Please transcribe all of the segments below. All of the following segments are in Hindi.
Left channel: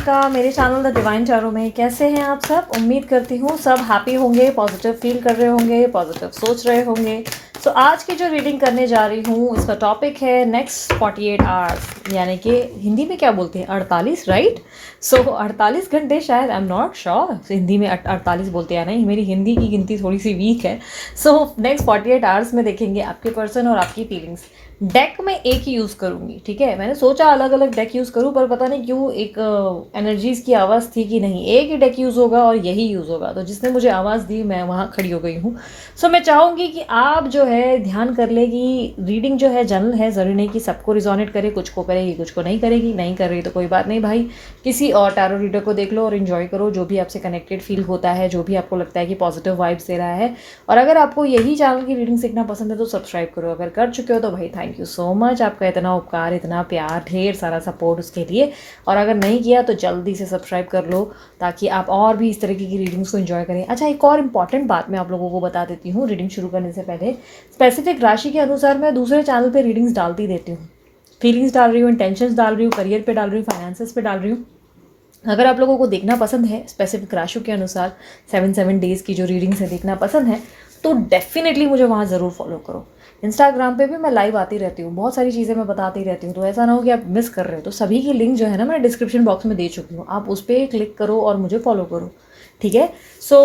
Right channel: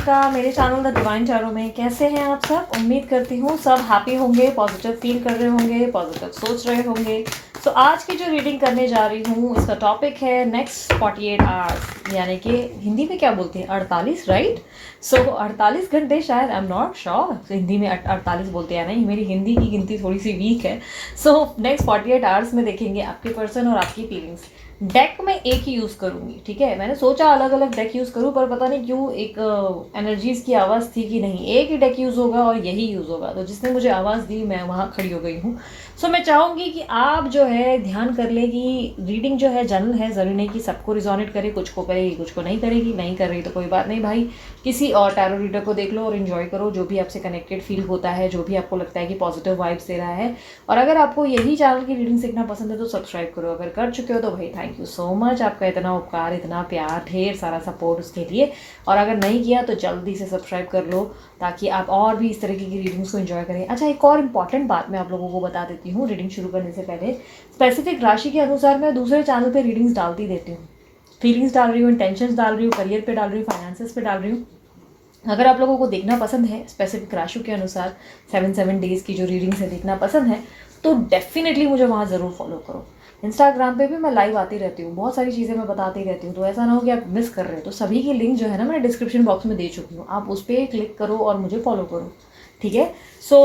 प्रियंका, मेरे चैनल द डिवाइन टैरो में कैसे हैं आप सब। उम्मीद करती हूँ सब हैप्पी होंगे, पॉजिटिव फील कर रहे होंगे, पॉजिटिव सोच रहे होंगे। सो आज की जो रीडिंग करने जा रही हूँ उसका टॉपिक है नेक्स्ट 48 आवर्स, यानी कि हिंदी में क्या बोलते हैं 48, राइट। सो 48 घंटे शायद, I am not sure Hindi में 48 बोलते हैं नहीं, मेरी हिंदी की गिनती थोड़ी सी वीक है। सो नेक्स्ट 48 आवर्स में देखेंगे आपके पर्सन और आपकी फीलिंग्स। डेक में एक ही यूज़ करूँगी, ठीक है। मैंने सोचा अलग अलग डेक यूज़ करूँ, पर पता नहीं क्यों एक एनर्जीज़ की आवाज़ थी कि नहीं एक ही डेक यूज़ होगा और यही यूज़ होगा, तो जिसने मुझे आवाज़ दी मैं वहाँ खड़ी हो गई हूँ। सो मैं चाहूँगी कि आप जो है ध्यान कर ले कि रीडिंग जो है जनरल है, ज़रूरी नहीं कि सबको रिजोनेट करे, कुछ को करेगी कुछ को नहीं करेगी। नहीं कर रही तो कोई बात नहीं भाई, किसी और टैरो रीडर को देख लो और इन्जॉय करो, जो भी आपसे कनेक्टेड फील होता है, जो भी आपको लगता है कि पॉजिटिव वाइब्स दे रहा है। और अगर आपको यही चैनल की रीडिंग सीखना पसंद है तो सब्सक्राइब करो, अगर कर चुके हो तो भाई थैंक यू सो मच, आपका इतना उपकार, इतना प्यार, ढेर सारा सपोर्ट उसके लिए। और अगर नहीं किया तो जल्दी से सब्सक्राइब कर लो ताकि आप और भी इस तरीके की रीडिंग्स को एंजॉय करें। अच्छा, एक और इम्पॉर्टेंट बात मैं आप लोगों को बता देती हूँ रीडिंग शुरू करने से पहले। स्पेसिफिक राशि के अनुसार मैं दूसरे चैनल पे रीडिंग्स डालती रहती हूँ, फीलिंग्स डाल रही हूँ, इंटेंशंस डाल रही हूँ, करियर पे डाल रही हूँ, फाइनेंसेस पे डाल रही हूँ। अगर आप लोगों को देखना पसंद है स्पेसिफिक राशियों के अनुसार 7 डेज़ की जो रीडिंग्स है देखना पसंद है तो डेफिनेटली मुझे वहाँ ज़रूर फॉलो करो। इंस्टाग्राम पे भी मैं लाइव आती रहती हूँ, बहुत सारी चीज़ें मैं बताती रहती हूँ, तो ऐसा ना हो कि आप मिस कर रहे हो। तो सभी की लिंक जो है ना मैं डिस्क्रिप्शन बॉक्स में दे चुकी हूँ, आप उस पर क्लिक करो और मुझे फॉलो करो, ठीक है। सो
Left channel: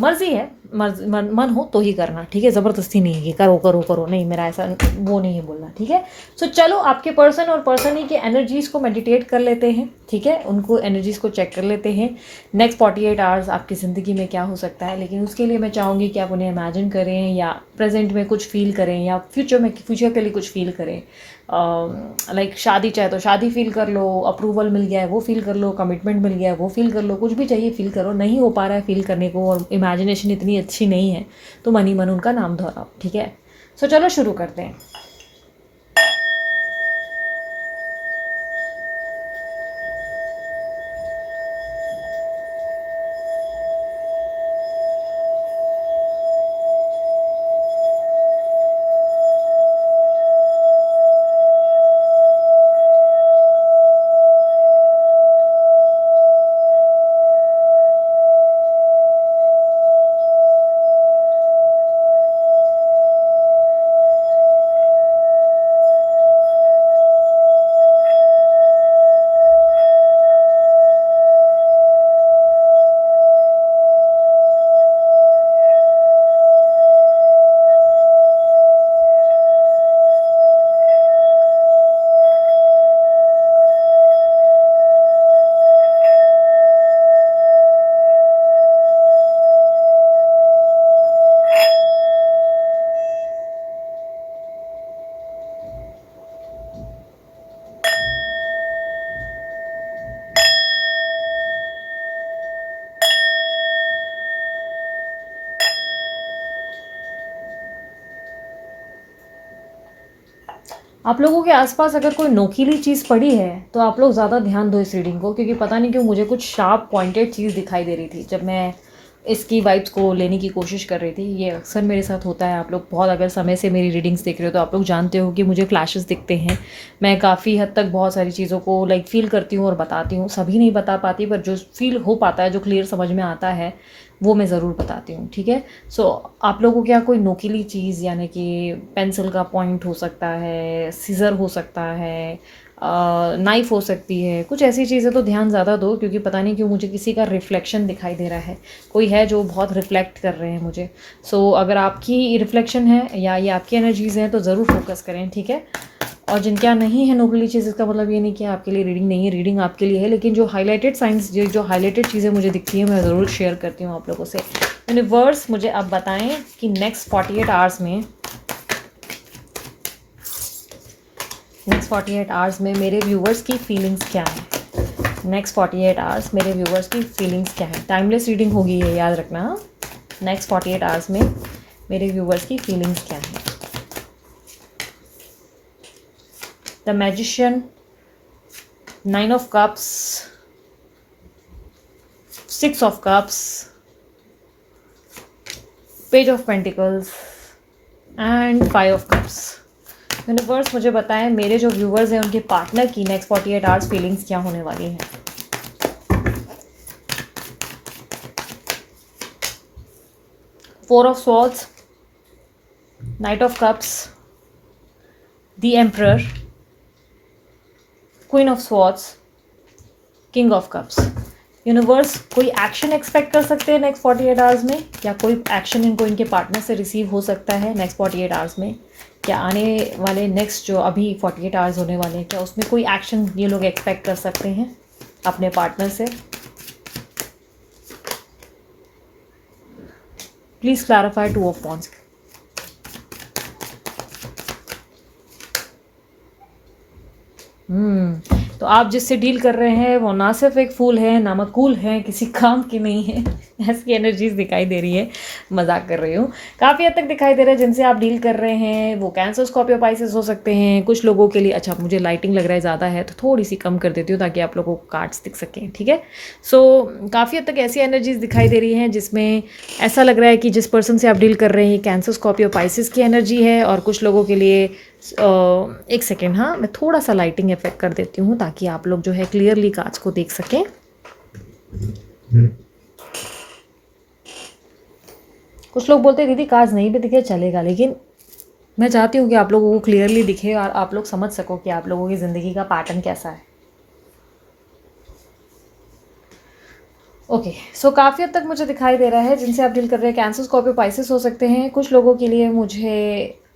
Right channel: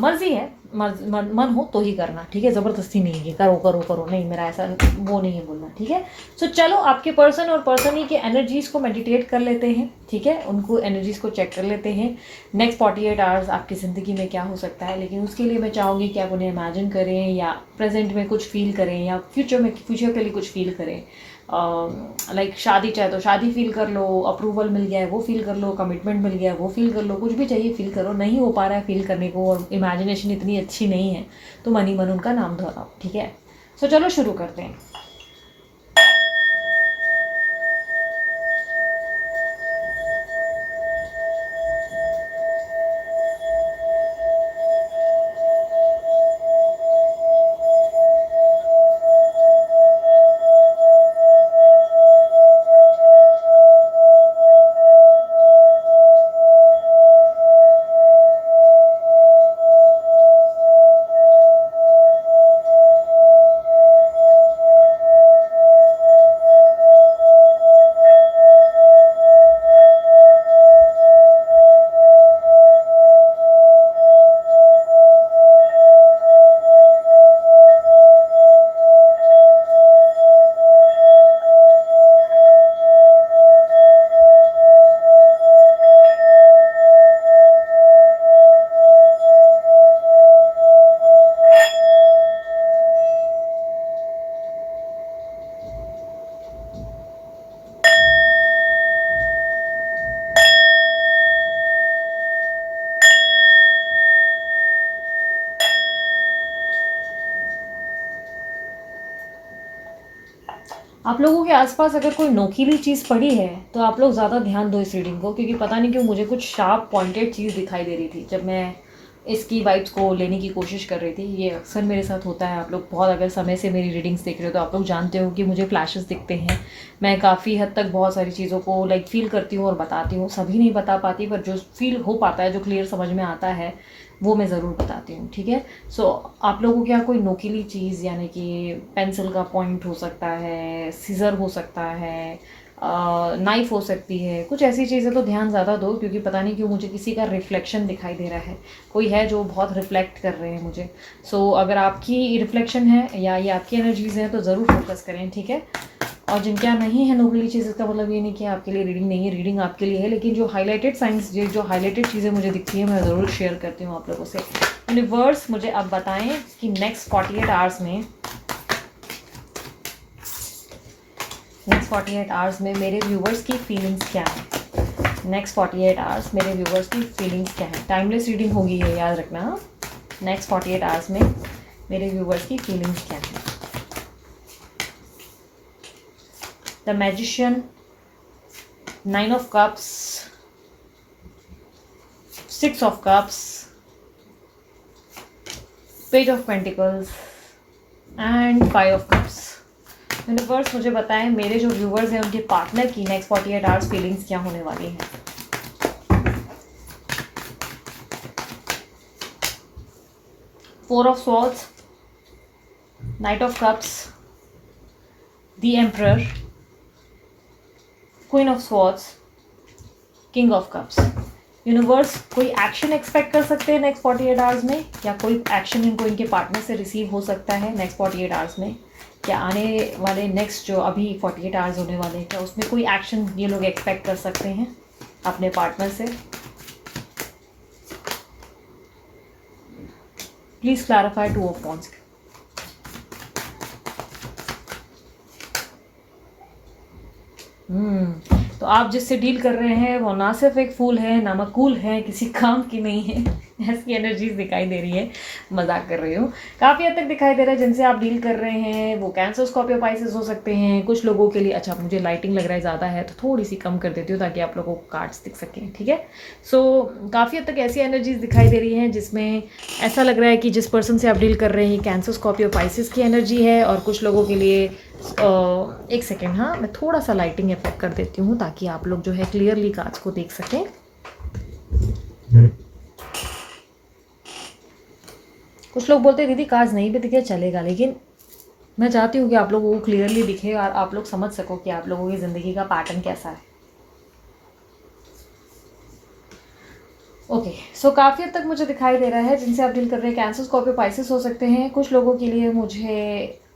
मर्जी है, मन हो तो ही करना, ठीक है। ज़बरदस्ती नहीं है कि करो करो करो, नहीं, मेरा ऐसा वो नहीं है बोलना, ठीक है। सो चलो आपके पर्सन और पर्सन ही के एनर्जीज़ को मेडिटेट कर लेते हैं, ठीक है, उनको एनर्जीज़ को चेक कर लेते हैं। नेक्स्ट 48 आवर्स आपकी ज़िंदगी में क्या हो सकता है, लेकिन उसके लिए मैं चाहूँगी कि आप उन्हें इमेजिन करें या प्रेजेंट में कुछ फील करें या फ्यूचर के लिए कुछ फील करें। लाइक शादी चाहे तो शादी फील कर लो, अप्रूवल मिल गया है वो फील कर लो, कमिटमेंट मिल गया है वो फील कर लो, कुछ भी चाहिए फील करो। नहीं हो पा रहा है फील करने को और इमेजिनेशन इतनी अच्छी नहीं है तो मन ही मन उनका नाम दोहराओ, ठीक है। सो चलो शुरू करते हैं। आप लोगों के आसपास अगर कोई नोकीली चीज़ पड़ी है तो आप लोग ज़्यादा ध्यान दो इस रीडिंग को, क्योंकि पता नहीं क्यों मुझे कुछ शार्प पॉइंटेड चीज़ दिखाई दे रही थी जब मैं इसकी वाइब्स को लेने की कोशिश कर रही थी। ये अक्सर मेरे साथ होता है, आप लोग बहुत अगर समय से मेरी रीडिंग्स देख रहे हो तो आप लोग जानते हो कि मुझे फ्लैशेस दिखते हैं। मैं काफ़ी हद तक बहुत सारी चीज़ों को लाइक फील करती हूँ और बताती हूँ, सभी नहीं बता पाती, पर जो फील हो पाता है, जो क्लियर समझ में आता है वो मैं ज़रूर बताती हूँ, ठीक है। सो आप लोगों को क्या कोई नोकीली चीज़, यानी कि पेंसिल का पॉइंट हो सकता है, सीज़र हो सकता है, नाइफ हो सकती है, कुछ ऐसी चीज़ें तो ध्यान ज़्यादा दो, क्योंकि पता नहीं क्यों मुझे किसी का रिफ्लेक्शन दिखाई दे रहा है, कोई है जो बहुत रिफ्लेक्ट कर रहे हैं मुझे। सो अगर आपकी रिफ्लेक्शन है या ये आपकी एनर्जीज़ हैं तो ज़रूर फोकस करें, ठीक है। और जिनके यहाँ नहीं है नोबली चीज़, इसका मतलब ये नहीं कि आपके लिए रीडिंग नहीं है, रीडिंग आपके लिए है, लेकिन जो हाईलाइटेड साइंस, जो हाईलाइटेड चीज़ें मुझे दिखती हैं मैं ज़रूर शेयर करती हूँ आप लोगों से। यूनिवर्स मुझे अब बताएं कि नेक्स्ट 48 आवर्स में मेरे व्यूवर्स की फीलिंग्स क्या है। नेक्स्ट 48 आवर्स मेरे व्यूवर्स की फीलिंग्स क्या है। टाइमलेस रीडिंग होगी ये, याद रखना। नेक्स्ट 48 आवर्स में मेरे व्यूवर्स की फीलिंग्स क्या है। The magician, 9 of cups, 6 of cups, page of pentacles and 5 of cups. Universe मुझे बताएं मेरे जो व्यूवर्स हैं उनके पार्टनर की नेक्स्ट 48 आवर्स फीलिंग्स क्या होने वाली हैं। 4 of swords, night of cups, the emperor, queen of swords, king of cups. Universe कोई एक्शन एक्सपेक्ट कर सकते हैं नेक्स्ट 48 आवर्स में, या कोई एक्शन इनको इनके पार्टनर से रिसीव हो सकता है नेक्स्ट 48 आवर्स में, क्या आने वाले नेक्स्ट जो अभी 48 आवर्स होने वाले हैं, क्या उसमें कोई एक्शन ये लोग एक्सपेक्ट कर सकते हैं अपने पार्टनर से। Please clarify 2 of wands. तो आप जिससे डील कर रहे हैं वो ना सिर्फ एक फूल है, ना मकूल है, किसी काम की नहीं है। ऐसी एनर्जीज दिखाई दे रही है, मजाक कर रही हूँ। काफ़ी हद तक दिखाई दे रहा है जिनसे आप डील कर रहे हैं वो कैंसर, स्कॉर्पियो, पाइसेस हो सकते हैं कुछ लोगों के लिए। अच्छा, मुझे लाइटिंग लग रहा है ज़्यादा है तो थोड़ी सी कम कर देती हूँ ताकि आप लोगों को कार्ड्स दिख सकें, ठीक है। सो काफ़ी हद तक ऐसी एनर्जीज दिखाई दे रही हैं जिसमें ऐसा लग रहा है कि जिस पर्सन से आप डील कर रहे हैं कैंसर, स्कॉर्पियो, पाइसेस की एनर्जी है। और कुछ लोगों के लिए एक सेकेंड, हाँ मैं थोड़ा सा लाइटिंग इफेक्ट कर देती हूँ ताकि आप लोग जो है क्लियरली कार्ड्स को देख सकें। कुछ लोग बोलते हैं दीदी कार्ड्स नहीं भी दिखे चलेगा, लेकिन मैं चाहती हूँ कि आप लोगों को क्लियरली दिखे और आप लोग समझ सको कि आप लोगों की ज़िंदगी का पैटर्न कैसा है। ओके, सो काफ़ी हद तक मुझे दिखाई दे रहा है जिनसे आप डील कर रहे हैं कैंसर, स्कॉर्पियो, पाइसेस हो सकते हैं। कुछ लोगों के लिए मुझे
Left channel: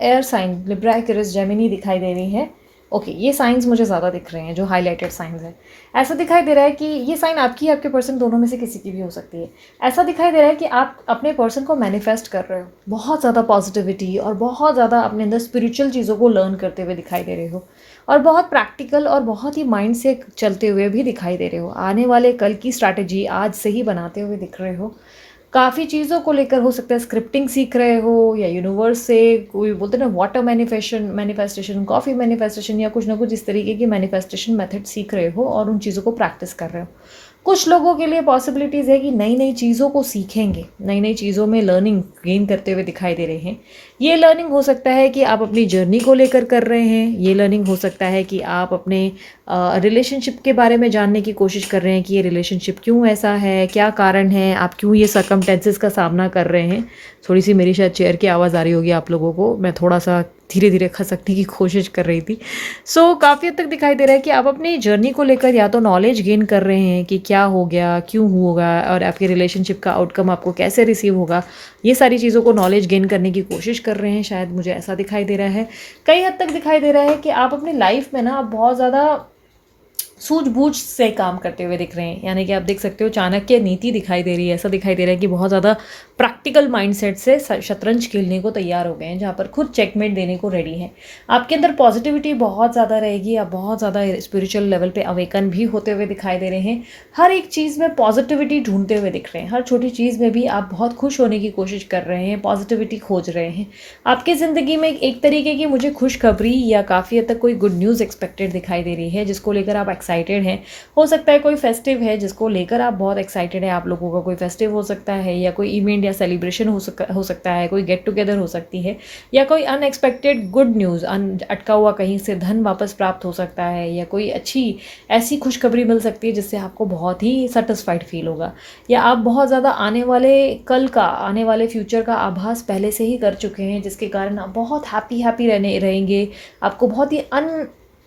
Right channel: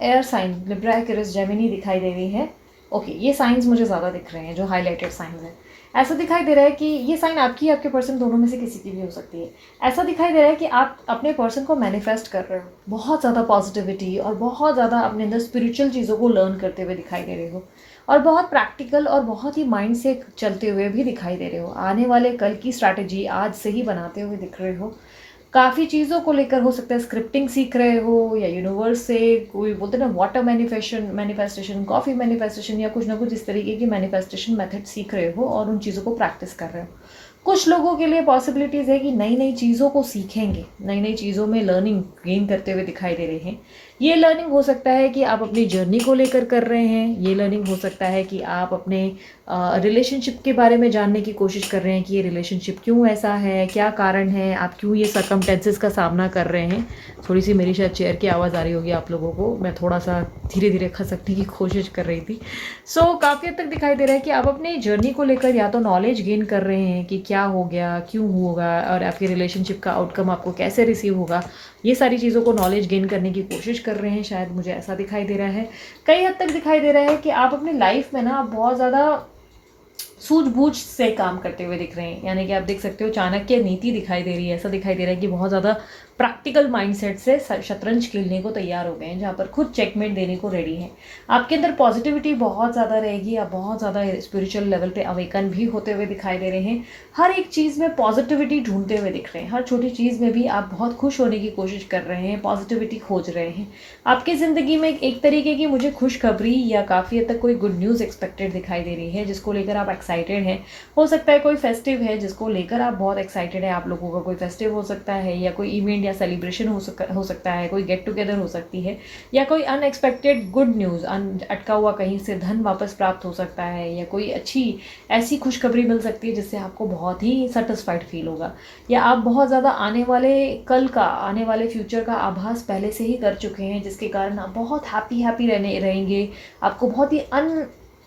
air sign Libra, Aquarius, Gemini दिखाई दे रही है। ओके, ये साइंस मुझे ज़्यादा दिख रहे हैं जो हाईलाइटेड साइंस है। ऐसा दिखाई दे रहा है कि ये साइन आपकी, आपके पर्सन दोनों में से किसी की भी हो सकती है। ऐसा दिखाई दे रहा है कि आप अपने पर्सन को मैनिफेस्ट कर रहे हो, बहुत ज़्यादा पॉजिटिविटी और बहुत ज़्यादा अपने अंदर स्पिरिचुअल चीज़ों को लर्न करते हुए दिखाई दे रहे हो, और बहुत प्रैक्टिकल और बहुत ही माइंड से चलते हुए भी दिखाई दे रहे हो। आने वाले कल की स्ट्रैटेजी आज से ही बनाते हुए दिख रहे हो। काफ़ी चीज़ों को लेकर हो सकता है स्क्रिप्टिंग सीख रहे हो, या यूनिवर्स से कोई बोलते हैं ना वाटर मैनिफेस्टेशन, कॉफ़ी मैनिफेस्टेशन, या कुछ ना कुछ इस तरीके की मैनिफेस्टेशन मेथड सीख रहे हो और उन चीज़ों को प्रैक्टिस कर रहे हो। कुछ लोगों के लिए पॉसिबिलिटीज़ है कि नई नई चीज़ों को सीखेंगे, नई नई चीज़ों में लर्निंग गेन करते हुए दिखाई दे रहे हैं। ये लर्निंग हो सकता है कि आप अपनी जर्नी को लेकर कर रहे हैं, ये लर्निंग हो सकता है कि आप अपने रिलेशनशिप के बारे में जानने की कोशिश कर रहे हैं कि ये रिलेशनशिप क्यों ऐसा है, क्या कारण है, आप क्यों ये सर्कमटेंसेस का सामना कर रहे हैं। थोड़ी सी मेरी शायद चेयर की आवाज़ आ रही होगी आप लोगों को, मैं थोड़ा सा धीरे धीरे खसकने की कोशिश कर रही थी। सो काफ़ी हद तक दिखाई दे रहा है कि आप अपनी जर्नी को लेकर या तो नॉलेज गेन कर रहे हैं कि क्या हो गया, क्यों होगा, और आपके रिलेशनशिप का आउटकम आपको कैसे रिसीव होगा। ये सारी चीज़ों को नॉलेज गेन करने की कोशिश कर रहे हैं, शायद मुझे ऐसा दिखाई दे रहा है। कई हद तक दिखाई दे रहा है कि आप अपनी लाइफ में ना बहुत ज़्यादा सूझबूझ से काम करते हुए दिख रहे हैं। यानी कि आप देख सकते हो चाणक्य नीति दिखाई दे रही है। ऐसा दिखाई दे रहा है कि बहुत ज़्यादा प्रैक्टिकल माइंडसेट से शतरंज खेलने को तैयार हो गए हैं, जहाँ पर खुद चेकमेट देने को रेडी हैं। आपके अंदर पॉजिटिविटी बहुत ज़्यादा रहेगी, आप बहुत ज़्यादा स्पिरिचुअल लेवल पे अवेकन भी होते हुए दिखाई दे रहे हैं। हर एक चीज़ में पॉजिटिविटी ढूंढते हुए दिख रहे हैं, हर छोटी चीज़ में भी आप बहुत खुश होने की कोशिश कर रहे हैं, पॉजिटिविटी खोज रहे हैं। आपकी ज़िंदगी में एक तरीके की मुझे खुशखबरी या काफ़ी हद तक कोई गुड न्यूज़ एक्सपेक्टेड दिखाई दे रही है, जिसको लेकर आप एक्साइटेड हैं। हो सकता है कोई फेस्टिव है जिसको लेकर आप बहुत एक्साइटेड है। आप लोगों का कोई फेस्टिव हो सकता है, या कोई इवेंट या सेलिब्रेशन हो सकता है, कोई गेट टुगेदर हो सकती है, या कोई अनएक्सपेक्टेड गुड न्यूज़, अटका हुआ कहीं से धन वापस प्राप्त हो सकता है, या कोई अच्छी ऐसी खुशखबरी मिल सकती है जिससे आपको बहुत ही सेटिस्फाइड फील होगा, या आप बहुत ज़्यादा आने वाले कल का, आने वाले फ्यूचर का आभास पहले से ही कर चुके हैं, जिसके कारण आप बहुत हैप्पी रहेंगे। आपको बहुत ही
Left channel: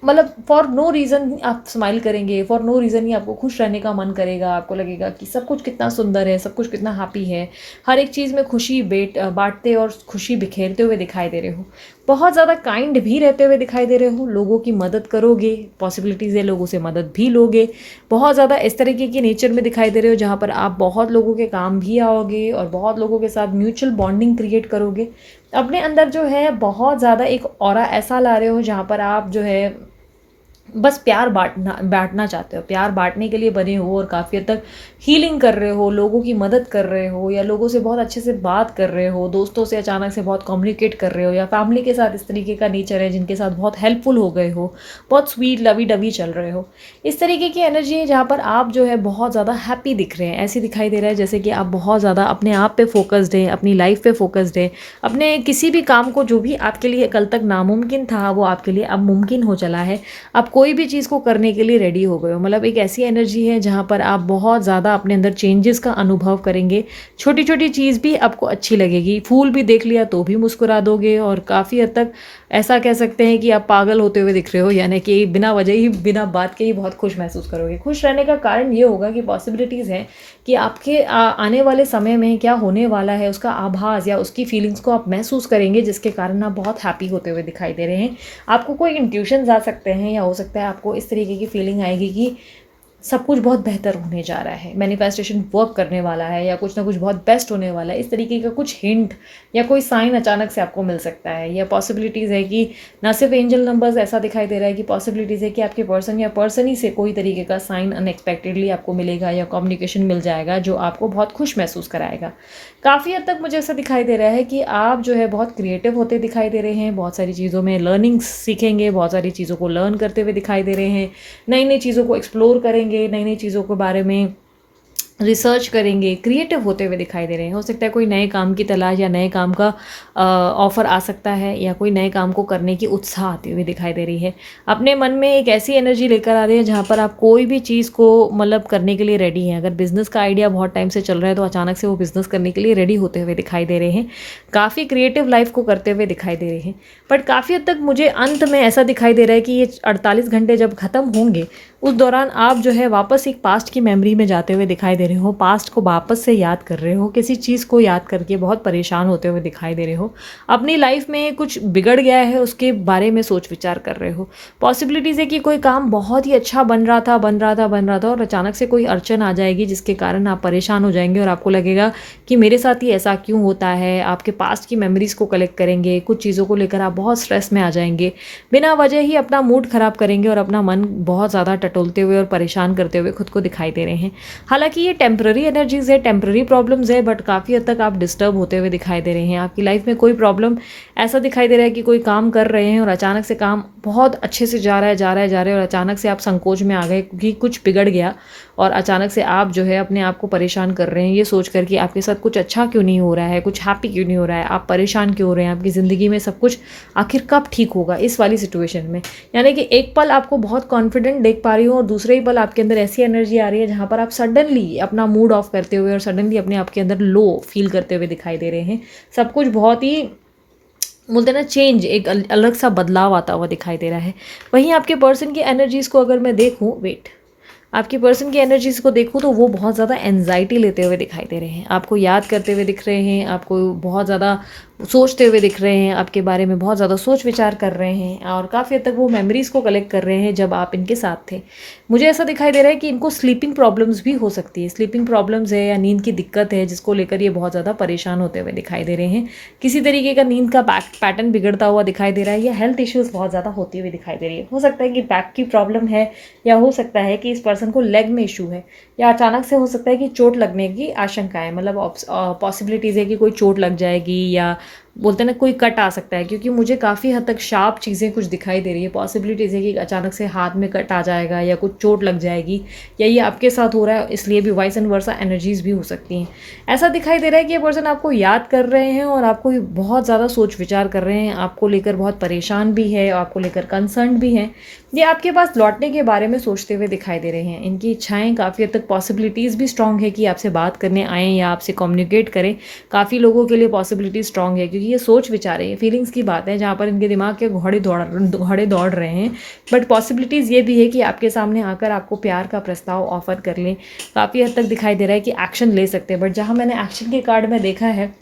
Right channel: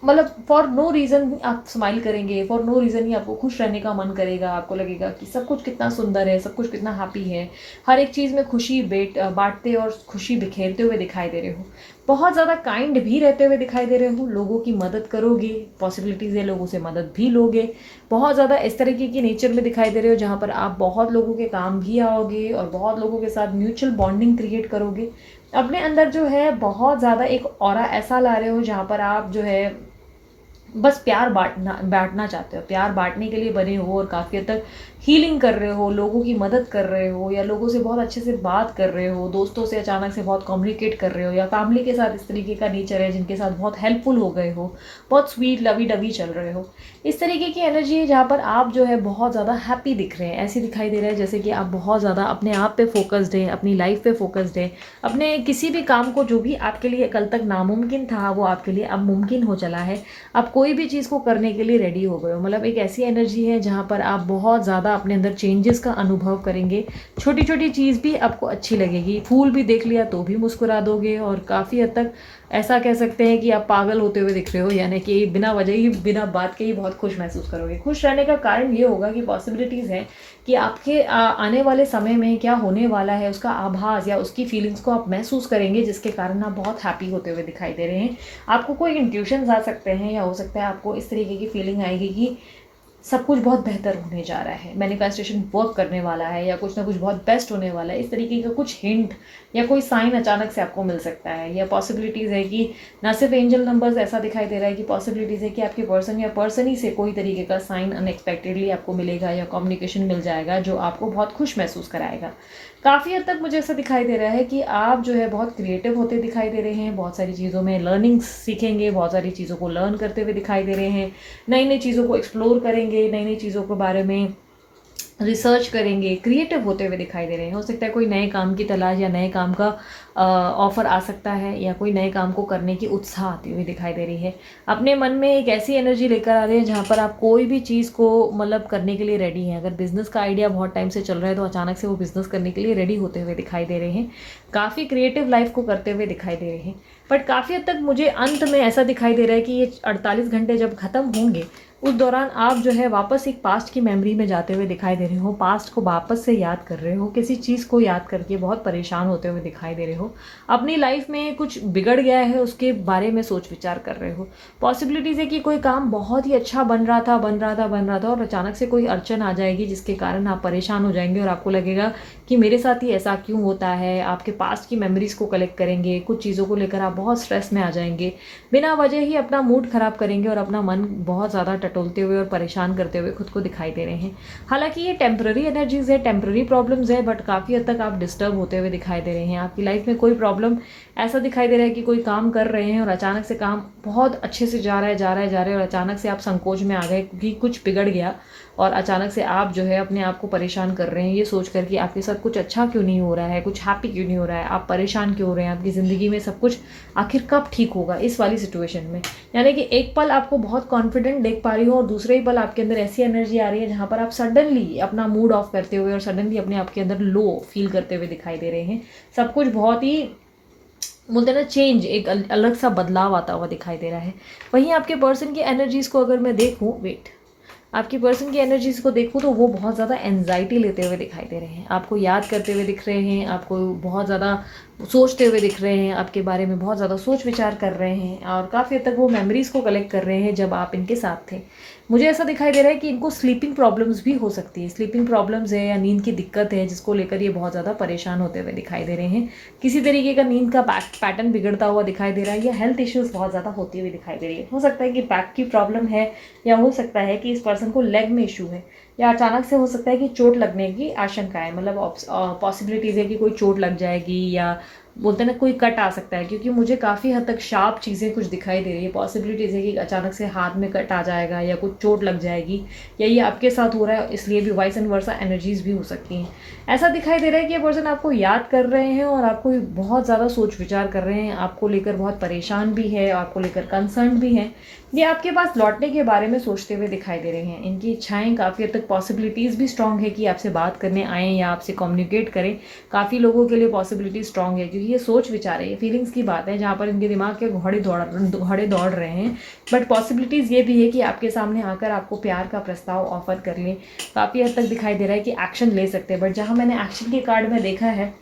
मतलब फॉर नो रीज़न आप स्माइल करेंगे, फॉर नो रीज़न ही आपको खुश रहने का मन करेगा। आपको लगेगा कि सब कुछ कितना सुंदर है, सब कुछ कितना हैप्पी है। हर एक चीज़ में खुशी बांटते और खुशी बिखेरते हुए दिखाई दे रहे हो। बहुत ज़्यादा काइंड भी रहते हुए दिखाई दे रहे हो, लोगों की मदद करोगे, पॉसिबिलिटीज़ है लोगों से मदद भी लोगे। बहुत ज़्यादा इस तरीके की नेचर में दिखाई दे रहे हो जहाँ पर आप बहुत लोगों के काम भी आओगे और बहुत लोगों के साथ म्यूचुअल बॉन्डिंग क्रिएट करोगे। अपने अंदर जो है बहुत ज़्यादा एक ऑरा ऐसा ला रहे हो जहाँ पर आप जो है बस प्यार बांटना चाहते हो, प्यार बांटने के लिए बने हो, और काफ़ी हद तक हीलिंग कर रहे हो, लोगों की मदद कर रहे हो, या लोगों से बहुत अच्छे से बात कर रहे हो, दोस्तों से अचानक से बहुत कम्युनिकेट कर रहे हो, या फैमिली के साथ इस तरीके का नेचर है जिनके साथ बहुत हेल्पफुल हो गए हो, बहुत स्वीट लवी डवी चल रहे हो। इस तरीके की एनर्जी है जहाँ पर आप जो है बहुत ज़्यादा हैप्पी दिख रहे हैं। ऐसे दिखाई दे रहा है जैसे कि आप बहुत ज़्यादा अपने आप पे फोकस्ड हैं, अपनी लाइफ पे फोकस्ड है, अपने किसी भी काम को जो भी आपके लिए कल तक नामुमकिन था वो आपके लिए अब मुमकिन हो चला है। आप कोई भी चीज़ को करने के लिए रेडी हो गए हो। मतलब एक ऐसी एनर्जी है जहाँ पर आप बहुत ज़्यादा अपने अंदर चेंजेस का अनुभव करेंगे। छोटी-छोटी चीज़ भी आपको अच्छी लगेगी। फूल भी देख लिया तो भी मुस्कुरा दोगे और काफ़ी हद तक ऐसा कह सकते हैं कि आप पागल होते हुए दिख रहे हो, यानी कि बिना वजह ही, बिना बात के ही बहुत खुश महसूस करोगे। खुश रहने का कारण ये होगा कि पॉसिबिलिटीज़ हैं कि आपके आने वाले समय में क्या होने वाला है उसका आभास या उसकी फीलिंग्स को आप महसूस करेंगे, जिसके कारण आप बहुत हैप्पी होते हुए दिखाई दे रहे हैं। आपको कोई इंट्यूशंस आ सकते हैं या हो सकता है आपको इस तरीके की फीलिंग आएगी कि सब कुछ बहुत बेहतर होने जा रहा है, मैनिफेस्टेशन वर्क करने वाला है या कुछ ना कुछ बहुत बेस्ट होने वाला है। इस तरीके का कुछ हिंट या कोई साइन अचानक से आपको मिल सकता है। या पॉसिबिलिटीज़ है कि ना सिर्फ एंजल नंबर्स, ऐसा दिखाई दे रहा है कि पॉसिबिलिटीज़ है कि आपके पर्सन या पर्सन ही से कोई तरीके का साइन अनएक्सपेक्टेडली आपको मिलेगा या कम्युनिकेशन मिल जाएगा जो आपको बहुत खुश महसूस कराएगा। काफ़ी हद तक मुझे ऐसा दिखाई दे रहा है कि आप जो है बहुत क्रिएटिव होते दिखाई दे रहे हैं, बहुत सारी चीज़ों में लर्निंग्स सीखेंगे, बहुत सारी चीज़ों को लर्न करते हुए दिखाई दे रहे हैं, नई नई चीज़ों को एक्सप्लोर करेंगे, नई नई चीज़ों के बारे में रिसर्च करेंगे, क्रिएटिव होते हुए दिखाई दे रहे हैं। हो सकता है कोई नए काम की तलाश या नए काम का ऑफ़र आ सकता है या कोई नए काम को करने की उत्साह आती हुई दिखाई दे रही है। अपने मन में एक ऐसी एनर्जी लेकर आ रही है जहाँ पर आप कोई भी चीज़ को मतलब करने के लिए रेडी हैं। अगर बिज़नेस का आइडिया बहुत टाइम से चल रहा है तो अचानक से वो बिज़नेस करने के लिए रेडी होते हुए दिखाई दे रहे हैं। काफ़ी क्रिएटिव लाइफ को करते हुए दिखाई दे रहे हैं। बट काफ़ी हद तक मुझे अंत में ऐसा दिखाई दे रहा है कि ये 48 घंटे जब ख़त्म होंगे उस दौरान आप जो है वापस एक पास्ट की मेमोरी में जाते हुए दिखाई दे रहे हो, पास्ट को वापस से याद कर रहे हो, किसी चीज़ को याद करके बहुत परेशान होते हुए दिखाई दे रहे हो। अपनी लाइफ में कुछ बिगड़ गया है उसके बारे में सोच विचार कर रहे हो। पॉसिबिलिटीज़ है कि कोई काम बहुत ही अच्छा बन रहा था और अचानक से कोई अड़चन आ जाएगी जिसके कारण आप परेशान हो जाएंगे और आपको लगेगा कि मेरे साथ ही ऐसा क्यों होता है। आपके पास्ट की मेमोरीज़ को कलेक्ट करेंगे, कुछ चीज़ों को लेकर आप बहुत स्ट्रेस में आ जाएंगे, बिना वजह ही अपना मूड ख़राब करेंगे और अपना मन बहुत ज़्यादा टटोलते हुए और परेशान करते हुए खुद को दिखाई दे रहे हैं। हालांकि ये टेम्पररी एनर्जीज़ है, टेम्पररी प्रॉब्लम्स है, बट काफ़ी हद तक आप डिस्टर्ब होते हुए दिखाई दे रहे हैं। आपकी लाइफ में कोई प्रॉब्लम ऐसा दिखाई दे रहा है कि कोई काम कर रहे हैं और अचानक से काम बहुत अच्छे से जा रहा है और अचानक से आप संकोच में आ गए कि कुछ बिगड़ गया और अचानक से आप जो है अपने आप को परेशान कर रहे हैं ये सोच कर कि आपके साथ कुछ अच्छा क्यों नहीं हो रहा है, कुछ हैप्पी क्यों नहीं हो रहा है, आप परेशान क्यों हो रहे हैं, आपकी ज़िंदगी में सब कुछ आखिर कब ठीक होगा, इस वाली सिचुएशन में। यानी कि एक पल आपको बहुत कॉन्फिडेंट देख पा रही हो और दूसरे ही पल आपके अंदर ऐसी एनर्जी आ रही है जहाँ पर आप सडनली अपना मूड ऑफ करते हुए और सडनली अपने आप के अंदर लो फील करते हुए दिखाई दे रहे हैं। सब कुछ बहुत ही बोलते हैं ना चेंज, एक अलग सा बदलाव आता हुआ दिखाई दे रहा है। वहीं आपके पर्सन की एनर्जीज़ को अगर मैं देखूँ, आपकी पर्सन की एनर्जीज़ को देखूँ तो वो बहुत ज़्यादा एंजाइटी लेते हुए दिखाई दे रहे हैं, आपको याद करते हुए दिख रहे हैं, आपको बहुत ज़्यादा सोचते हुए दिख रहे हैं, आपके बारे में बहुत ज़्यादा सोच विचार कर रहे हैं और काफ़ी हद तक वो मेमोरीज़ को कलेक्ट कर रहे हैं जब आप इनके साथ थे। मुझे ऐसा दिखाई दे रहा है कि इनको स्लीपिंग प्रॉब्लम्स भी हो सकती है, स्लीपिंग प्रॉब्लम्स है या नींद की दिक्कत है जिसको लेकर ये बहुत ज़्यादा परेशान होते हुए दिखाई दे रहे हैं। किसी तरीके का नींद का पैटर्न बिगड़ता हुआ दिखाई दे रहा है या हेल्थ इश्यूज़ बहुत ज़्यादा होती हुई दिखाई दे रही है। हो सकता है कि बैक की प्रॉब्लम है या हो सकता है कि इस पर्सन को लेग में इशू है या अचानक से हो सकता है कि चोट लगने की आशंका है। मतलब पॉसिबिलिटीज़ है कि कोई चोट लग जाएगी या बोलते हैं ना कोई कट आ सकता है, क्योंकि मुझे काफ़ी हद तक शार्प चीज़ें कुछ दिखाई दे रही है। पॉसिबिलिटीज़ है कि अचानक से हाथ में कट आ जाएगा या कुछ चोट लग जाएगी या ये आपके साथ हो रहा है, इसलिए भी वाइस एंड वर्सा एनर्जीज़ भी हो सकती हैं। ऐसा दिखाई दे रहा है कि ये पर्सन आपको याद कर रहे हैं और आपको बहुत ज़्यादा सोच विचार कर रहे हैं, आपको लेकर बहुत परेशान भी है, आपको लेकर कंसर्न भी हैं। ये आपके पास लौटने के बारे में सोचते हुए दिखाई दे रहे हैं। इनकी इच्छाएं काफ़ी हद तक, पॉसिबिलिटीज़ भी स्ट्रॉन्ग है कि आपसे बात करने आएँ या आपसे कम्युनिकेट करें। काफ़ी लोगों के लिए पॉसिबिलिटी स्ट्रॉन्ग है क्योंकि ये सोच विचार है, ये फीलिंग्स की बात है जहाँ पर इनके दिमाग के घोड़े दौड़ रहे हैं। बट पॉसिबिलिटीज़ ये भी है कि आपके सामने आकर आपको प्यार का प्रस्ताव ऑफर कर लें। काफ़ी हद तक दिखाई दे रहा है कि एक्शन ले सकते हैं। बट जहाँ मैंने एक्शन के कार्ड में देखा है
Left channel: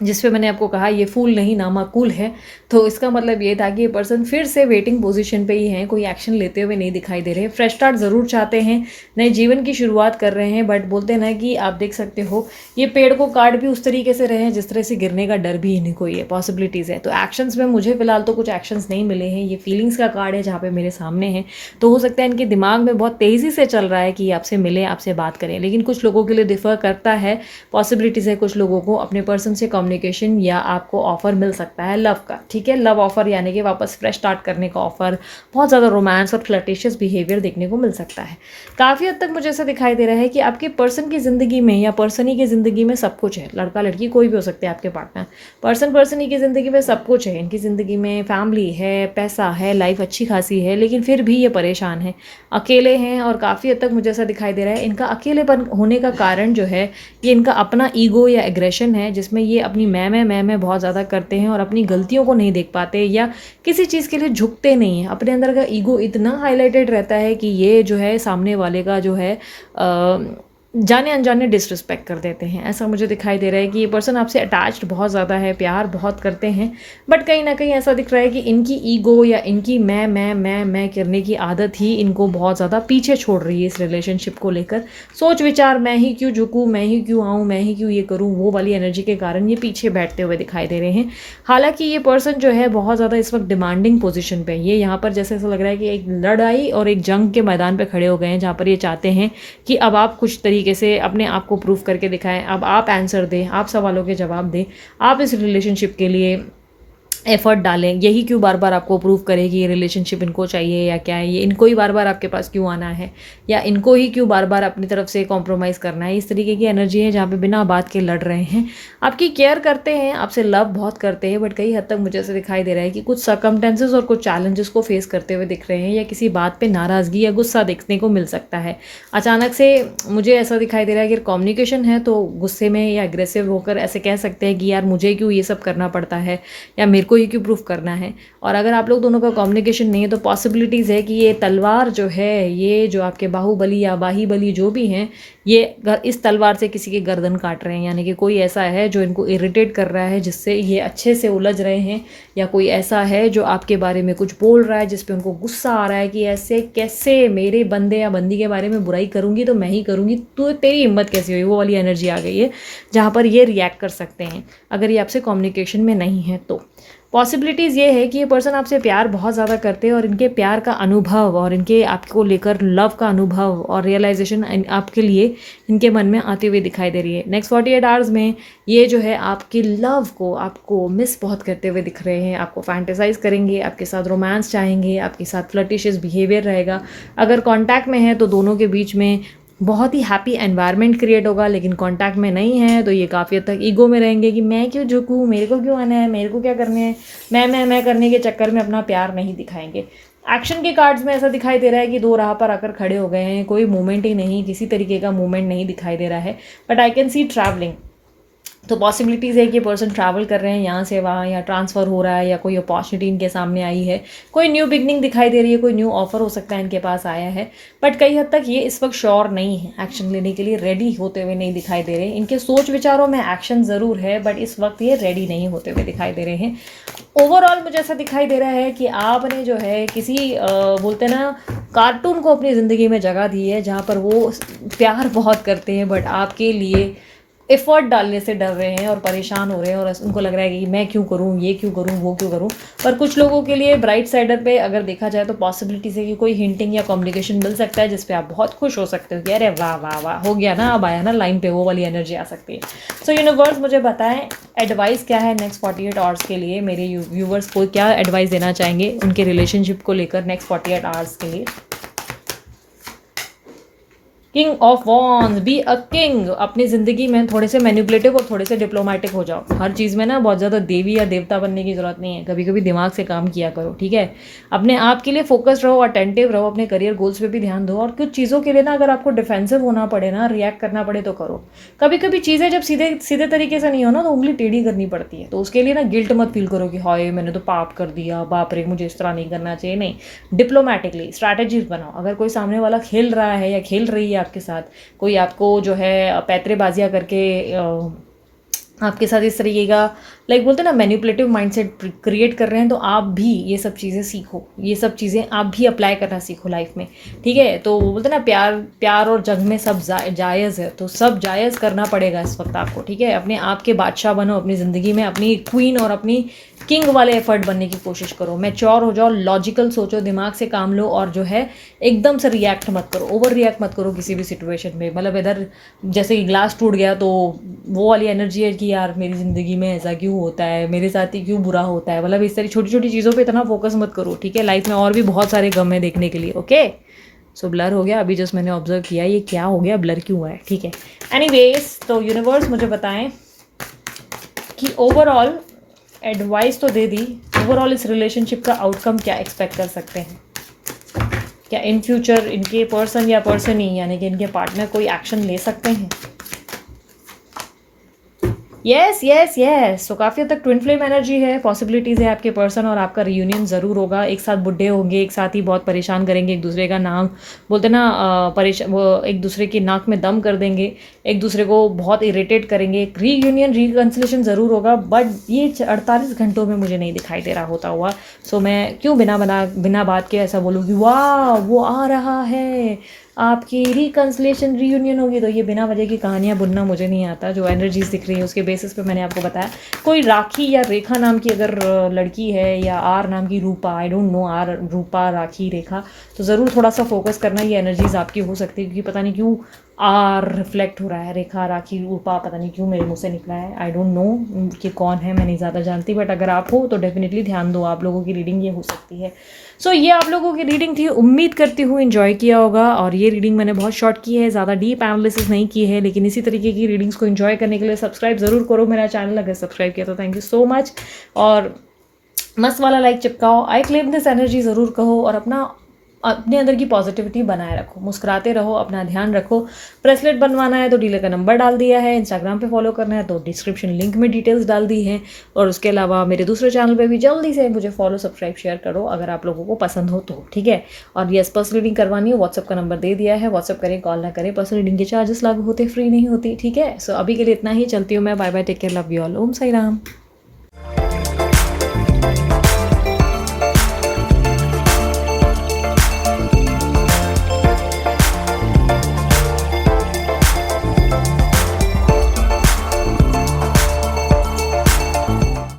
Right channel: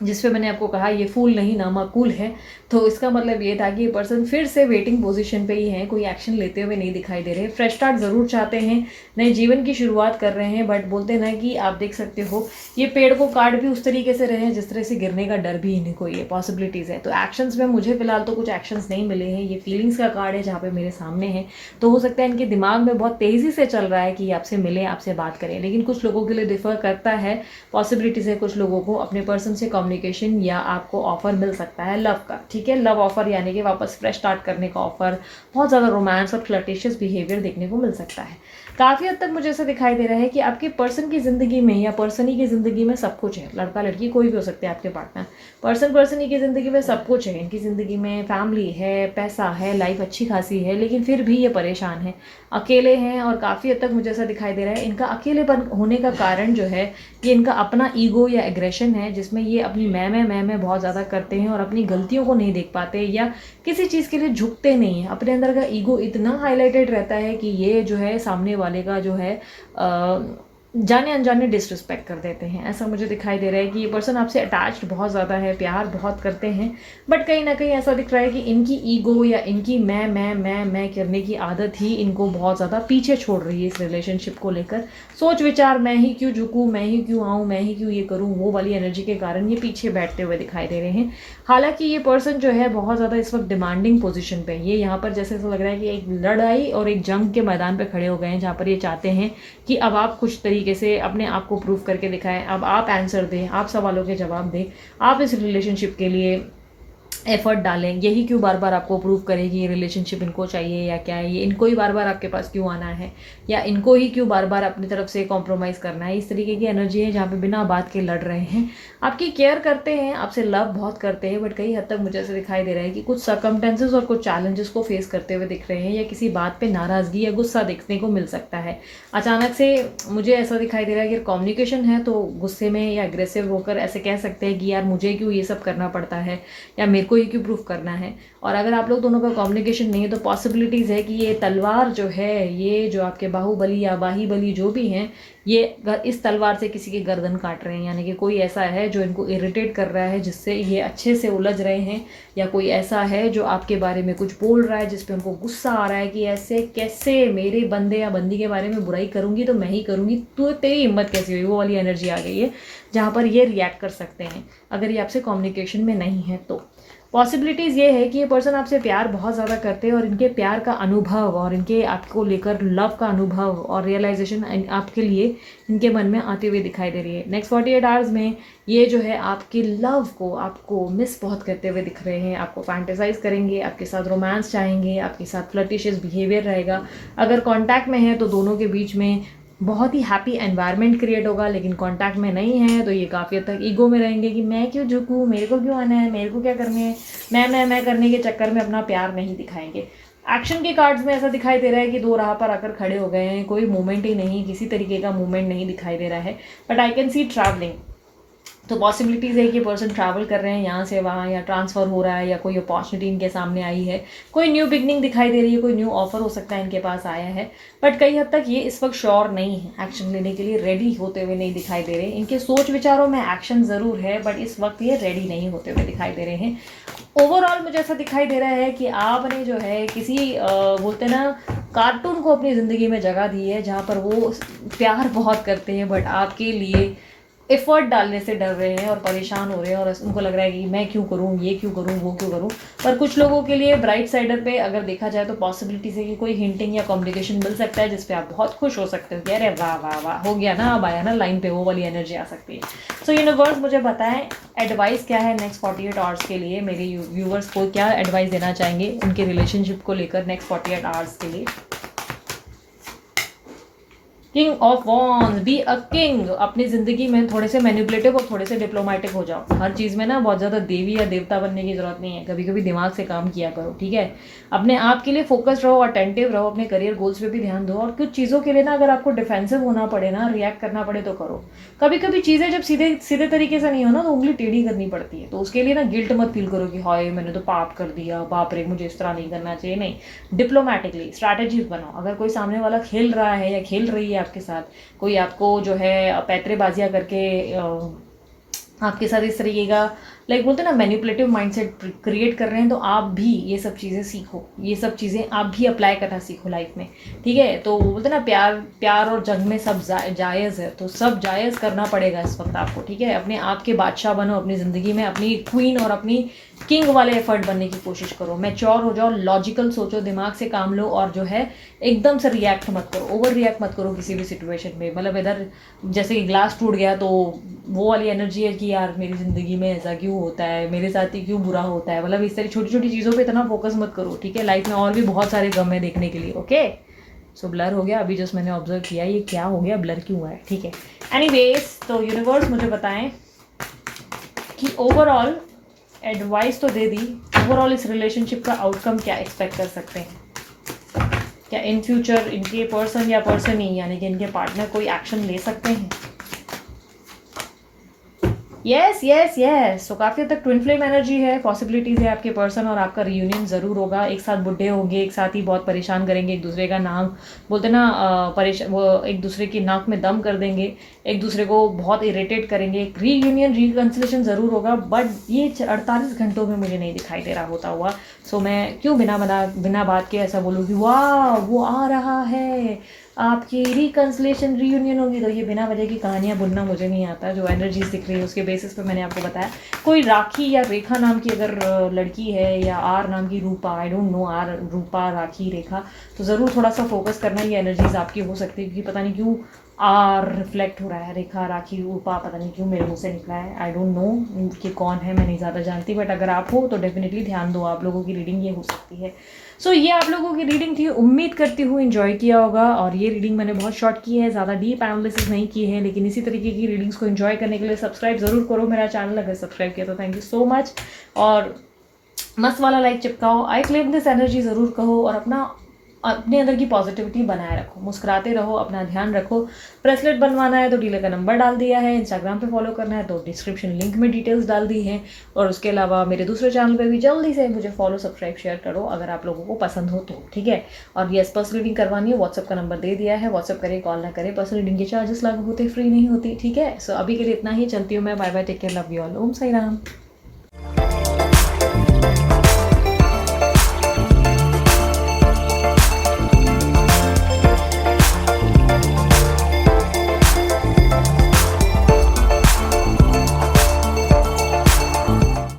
जिस पे मैंने आपको कहा ये फूल नहीं नामाकूल है, तो इसका मतलब ये था कि ये पर्सन फिर से वेटिंग पोजीशन पे ही है, कोई एक्शन लेते हुए नहीं दिखाई दे रहे। फ्रेश स्टार्ट ज़रूर चाहते हैं, नए जीवन की शुरुआत कर रहे हैं, बट बोलते हैं ना कि आप देख सकते हो ये पेड़ को काट भी उस तरीके से रहे हैं जिस तरह से गिरने का डर भी इन्हीं को ये पॉसिबिलिटीज़ है। तो एक्शंस में मुझे फिलहाल तो कुछ एक्शंस नहीं मिले हैं। ये फीलिंग्स का कार्ड है जहाँ पर मेरे सामने है, तो हो सकता है इनके दिमाग में बहुत तेज़ी से चल रहा है कि आपसे मिलें, आपसे बात करें, लेकिन कुछ लोगों के लिए डिफ़र करता है। पॉसिबिलिटीज़ है कुछ लोगों को अपने पर्सन से कम्युनिकेशन या आपको ऑफर मिल सकता है लव का, ठीक है। लव ऑफर यानी कि वापस फ्रेश स्टार्ट करने का ऑफर, बहुत ज़्यादा रोमांस और फ्लर्टिशियस बिहेवियर देखने को मिल सकता है। काफ़ी हद तक मुझे ऐसा दिखाई दे रहा है कि आपके पर्सन की ज़िंदगी में या पर्सन ही की ज़िंदगी में सब कुछ है। लड़का लड़की कोई भी हो सकते हैं आपके पार्टनर। पर्सन ही की ज़िंदगी में सब कुछ है। इनकी ज़िंदगी में फैमिली है, पैसा है, लाइफ अच्छी खासी है, लेकिन फिर भी ये परेशान है, अकेले हैं। और काफ़ी हद तक मुझे ऐसा दिखाई दे रहा है इनका अकेलेपन होने का कारण जो है ये इनका अपना ईगो या एग्रेशन है, जिसमें ये अपनी मैं बहुत ज़्यादा करते हैं और अपनी गलतियों को नहीं देख पाते या किसी चीज़ के लिए झुकते नहीं हैं। अपने अंदर का ईगो इतना हाईलाइटेड रहता है कि ये जो है सामने वाले का जो है जाने अनजाने डिसरिस्पेक्ट कर देते हैं। ऐसा मुझे दिखाई दे रहा है कि ये पर्सन आपसे अटैच्ड बहुत ज़्यादा है, प्यार बहुत करते हैं, बट कहीं ना कहीं ऐसा दिख रहा है कि इनकी ईगो या इनकी मैं करने की आदत ही इनको बहुत ज़्यादा पीछे छोड़ रही है इस रिलेशनशिप को लेकर। सोच विचार, मैं ही क्यों झुकूँ, मैं ही क्यों आऊँ, मैं ही क्यों ये करूँ, वो वाली एनर्जी के कारण ये पीछे बैठते हुए दिखाई दे रहे हैं। हालांकि ये पर्सन जो है बहुत ज़्यादा इस वक्त डिमांडिंग पोजीशन पे, ये यहाँ पर जैसे ऐसा लग रहा है कि एक लड़ाई और एक जंग के मैदान पे खड़े हो गए हैं, जहाँ पर ये चाहते हैं कि अब आप कुछ तरीके से अपने आप को प्रूव करके दिखाएं, अब आप आंसर दें, आप सवालों के जवाब दें, आप इस रिलेशनशिप के लिए एफर्ट डालें। यही क्यों बार बार आपको प्रूव करे कि ये रिलेशनशिप इनको चाहिए या क्या है, ये इनको ही बार बार आपके पास क्यों आना है, या इनको ही क्यों बार बार अपनी तरफ से कॉम्प्रोमाइज़ करना है। इस तरीके की एनर्जी है जहाँ पे बिना बात के लड़ रहे हैं। आपकी केयर करते हैं, आपसे लव बहुत करते हैं, बट कई हद तक मुझे ऐसे दिखाई दे रहा है कि कुछ सर्कमटेंसेस और कुछ चैलेंजेस को फेस करते हुए दिख रहे हैं, या किसी बात पर नाराज़गी या गुस्सा देखने को मिल सकता है। अचानक से मुझे ऐसा दिखाई दे रहा है कि कम्युनिकेशन है तो गुस्से में या अग्रेसिव होकर ऐसे कह सकते हैं कि यार मुझे क्यों ये सब करना पड़ता है, या मेरे को ये क्यों प्रूफ करना है। और अगर आप लोग दोनों का कम्युनिकेशन नहीं है तो पॉसिबिलिटीज़ है कि ये तलवार जो है, ये जो आपके बाहुबली या बाहीबली जो भी हैं, ये इस तलवार से किसी की गर्दन काट रहे हैं। यानी कि कोई ऐसा है जो इनको इरिटेट कर रहा है, जिससे ये अच्छे से उलझ रहे हैं, या कोई ऐसा है जो आपके बारे में कुछ बोल रहा है जिस पे उनको गुस्सा आ रहा है कि ऐसे कैसे मेरे बंदे या बंदी के बारे में बुराई करूंगी तो मैं ही करूंगी, तो तेरी हिम्मत कैसी हुई, वो वाली एनर्जी आ गई है जहाँ पर ये रिएक्ट कर सकते हैं अगर ये आपसे कम्युनिकेशन में नहीं है तो। पॉसिबिलिटीज़ ये है कि ये पर्सन आपसे प्यार बहुत ज़्यादा करते हैं और इनके प्यार का अनुभव और इनके आपको लेकर लव का अनुभव और रियलाइजेशन आपके लिए इनके मन में आते हुए दिखाई दे रही है। नेक्स्ट 48 आवर्स में ये जो है आपके लव को, आपको मिस बहुत करते हुए दिख रहे हैं, आपको फैंटेसाइज करेंगे, आपके साथ रोमांस चाहेंगे, आपके साथ फ्लर्टिशियस बिहेवियर रहेगा। अगर कॉन्टैक्ट में है तो दोनों के बीच में बहुत ही हैप्पी एनवायरनमेंट क्रिएट होगा, लेकिन कांटेक्ट में नहीं है तो ये काफ़ी हद तक ईगो में रहेंगे कि मैं क्यों झुकूँ, मेरे को क्यों आना है, मेरे को क्या करने है, मैं करने के चक्कर में अपना प्यार नहीं दिखाएंगे। एक्शन के कार्ड्स में ऐसा दिखाई दे रहा है कि दो राह पर आकर खड़े हो गए हैं, कोई मूवमेंट ही नहीं, किसी तरीके का मूवमेंट नहीं दिखाई दे रहा है, but I can see travelling. तो पॉसिबिलिटीज़ है कि ये पर्सन ट्रैवल कर रहे हैं यहाँ से वहाँ, या ट्रांसफ़र हो रहा है, या कोई अपॉर्चुनिटी इनके सामने आई है, कोई न्यू बिगनिंग दिखाई दे रही है, कोई न्यू ऑफर हो सकता है इनके पास आया है। बट कई हद तक ये इस वक्त श्योर नहीं है, एक्शन लेने के लिए रेडी होते हुए नहीं दिखाई दे रहे। इनके सोच विचारों में एक्शन ज़रूर है, बट इस वक्त ये रेडी नहीं होते हुए दिखाई दे रहे हैं। ओवरऑल मुझे ऐसा दिखाई दे रहा है कि आपने जो है किसी बोलते ना कार्टून को अपनी ज़िंदगी में जगह दी है, जहाँ पर वो प्यार बहुत करते हैं बट आपके लिए एफर्ट डालने से डर रहे हैं और परेशान हो रहे हैं, और उनको लग रहा है कि मैं क्यों करूं, ये क्यों करूं, वो क्यों करूं। पर कुछ लोगों के लिए ब्राइट साइडर पे अगर देखा जाए तो पॉसिबिलिटी है कि कोई हिंटिंग या कम्युनिकेशन मिल सकता है जिस पे आप बहुत खुश हो सकते हो कि अरे वाह वाह वाह हो गया ना, अब आया ना लाइन पे, वो वाली एनर्जी आ सकती है। सो यूनिवर्स मुझे बताएं एडवाइस क्या है नेक्स्ट 48 आवर्स के लिए, मेरे व्यूवर्स को क्या एडवाइस देना चाहेंगे उनके रिलेशनशिप को लेकर नेक्स्ट 48 आवर्स के लिए। King of wands, be a king. अपनी ज़िंदगी में थोड़े से मैनिपुलेटिव और थोड़े से डिप्लोमेटिक हो जाओ। हर चीज़ में ना बहुत ज़्यादा देवी या देवता बनने की ज़रूरत नहीं है, कभी कभी दिमाग से काम किया करो, ठीक है। अपने आप के लिए फोकस्ड रहो, अटेंटिव रहो, अपने करियर गोल्स पे भी ध्यान दो, और कुछ चीज़ों के लिए ना अगर आपको डिफेंसिव होना पड़े ना, रिएक्ट करना पड़े तो करो। कभी कभी चीज़ें जब सीधे सीधे तरीके से नहीं हो ना तो उंगली टेढ़ी करनी पड़ती है, तो उसके लिए ना गिल्ट मत फील करो कि हाय मैंने तो पाप कर दिया, बाप रे मुझे इस तरह नहीं करना चाहिए। नहीं, डिप्लोमेटिकली स्ट्रैटेजीज बनाओ। अगर कोई सामने वाला खेल रहा है या खेल रही है आपके साथ, कोई आपको जो है पैतरेबाजियाँ करके आपके साथ इस तरीके का लाइक बोलते हैं ना मैनिपुलेटिव माइंडसेट क्रिएट कर रहे हैं, तो आप भी ये सब चीज़ें सीखो, ये सब चीज़ें आप भी अप्लाई करना सीखो लाइफ में, ठीक है। तो बोलते हैं ना प्यार और जंग में सब जायज़ है, तो सब जायज़ करना पड़ेगा इस वक्त आपको, ठीक है। अपने आप के बादशाह बनो अपनी ज़िंदगी में, अपनी क्वीन और अपनी किंग वाले एफर्ट बनने की कोशिश करो। मैच्योर हो जाओ, लॉजिकल सोचो, दिमाग से काम लो, और जो है एकदम से रिएक्ट मत करो, ओवर रिएक्ट मत करो किसी भी सिचुएशन में। मतलब इधर जैसे कि ग्लास टूट गया तो वो वाली एनर्जी है कि कि यार मेरी ज़िंदगी में ऐसा क्यों होता है, मेरे साथ ही क्यों बुरा होता है, मतलब इस तरह छोटी छोटी चीज़ों पे इतना फोकस मत करो, ठीक है। लाइफ में और भी बहुत सारे गम है देखने के लिए, ओके। सो ब्लर हो गया, अभी जस्ट मैंने ऑब्जर्व किया ये क्या हो गया, ब्लर क्यों हुआ है, ठीक है। एनीवेज, तो यूनिवर्स मुझे बताएं कि ओवरऑल एडवाइस तो दे दी, ओवरऑल इस रिलेशनशिप का आउटकम क्या एक्सपेक्ट कर सकते हैं। क्या इन फ्यूचर इनके पर्सन या पर्सन ही यानी कि इनके पार्टनर कोई एक्शन ले सकते हैं। यस यस यस, तो काफ़ी हद तक ट्विन फ्लेम एनर्जी है, पॉसिबिलिटीज़ है आपके पर्सन और आपका रियूनियन ज़रूर होगा। एक साथ बुढ़े होंगे, एक साथ ही बहुत परेशान करेंगे, एक दूसरे का नाम बोलते ना परेशान, वो एक दूसरे की नाक में दम कर देंगे, एक दूसरे को बहुत इरिटेट करेंगे। एक रीयूनियन रिकन्सिलेशन ज़रूर होगा, बट ये 48 घंटों में मुझे नहीं दिखाई दे रहा होता हुआ। सो मैं क्यों बिना बात के ऐसा बोलूँ कि वाह वो आ रहा है, आपकी रिकन्सिलेशन रीयूनियन होगी। तो ये बिना वजह की कहानियाँ बुनना मुझे नहीं आता। जो एनर्जीज दिख रही है उसके बेसिस पे मैंने आपको बताया। कोई राखी या रेखा नाम की अगर लड़की है, या आर नाम की रूपा, आई डोंट नो, आर रूपा राखी रेखा, तो ज़रूर थोड़ा सा फोकस करना, ये एनर्जीज आपकी हो सकती है। क्योंकि पता नहीं क्यों आर रिफ्लेक्ट हो रहा है, रेखा राखी रूपा पता नहीं क्यों मेरे मुंह से निकला है। आई डोंट नो कि कौन है, मैं नहीं ज़्यादा जानती, बट अगर आप हो तो डेफिनेटली ध्यान दो, आप लोगों की रीडिंग ये हो सकती है। सो ये आप लोगों की रीडिंग थी, उम्मीद करती हूँ एंजॉय किया होगा। और ये रीडिंग मैंने बहुत शॉर्ट की है, ज़्यादा डीप एनालिसिस नहीं की है, लेकिन इसी तरीके की रीडिंग्स को एंजॉय करने के लिए सब्सक्राइब ज़रूर करो मेरा चैनल, अगर सब्सक्राइब किया तो थैंक यू सो मच। और मस्त वाला लाइक चिपकाओ, आई क्लेम दिस एनर्जी ज़रूर कहो, और अपने अंदर की पॉजिटिविटी बनाए रखो, मुस्कुराते रहो, अपना ध्यान रखो। ब्रेसलेट बनवाना है तो डीलर का नंबर डाल दिया है, इंस्टाग्राम पे फॉलो करना है तो डिस्क्रिप्शन लिंक में डिटेल्स डाल दी हैं। और उसके अलावा मेरे दूसरे चैनल पे भी जल्दी से मुझे फॉलो सब्सक्राइब शेयर करो अगर आप लोगों को पसंद हो तो, ठीक है। और यस, पर्सनल रीडिंग करवानी हो, व्हाट्सअप का नंबर दे दिया है, व्हाट्सअप करें, कॉल ना करें, पर्सनल रीडिंग के चार्जेस लागू होते, फ्री नहीं होती, ठीक है। सो अभी के लिए इतना ही, चलती हूँ मैं, bye bye, take care, love you all, Om Sai Ram.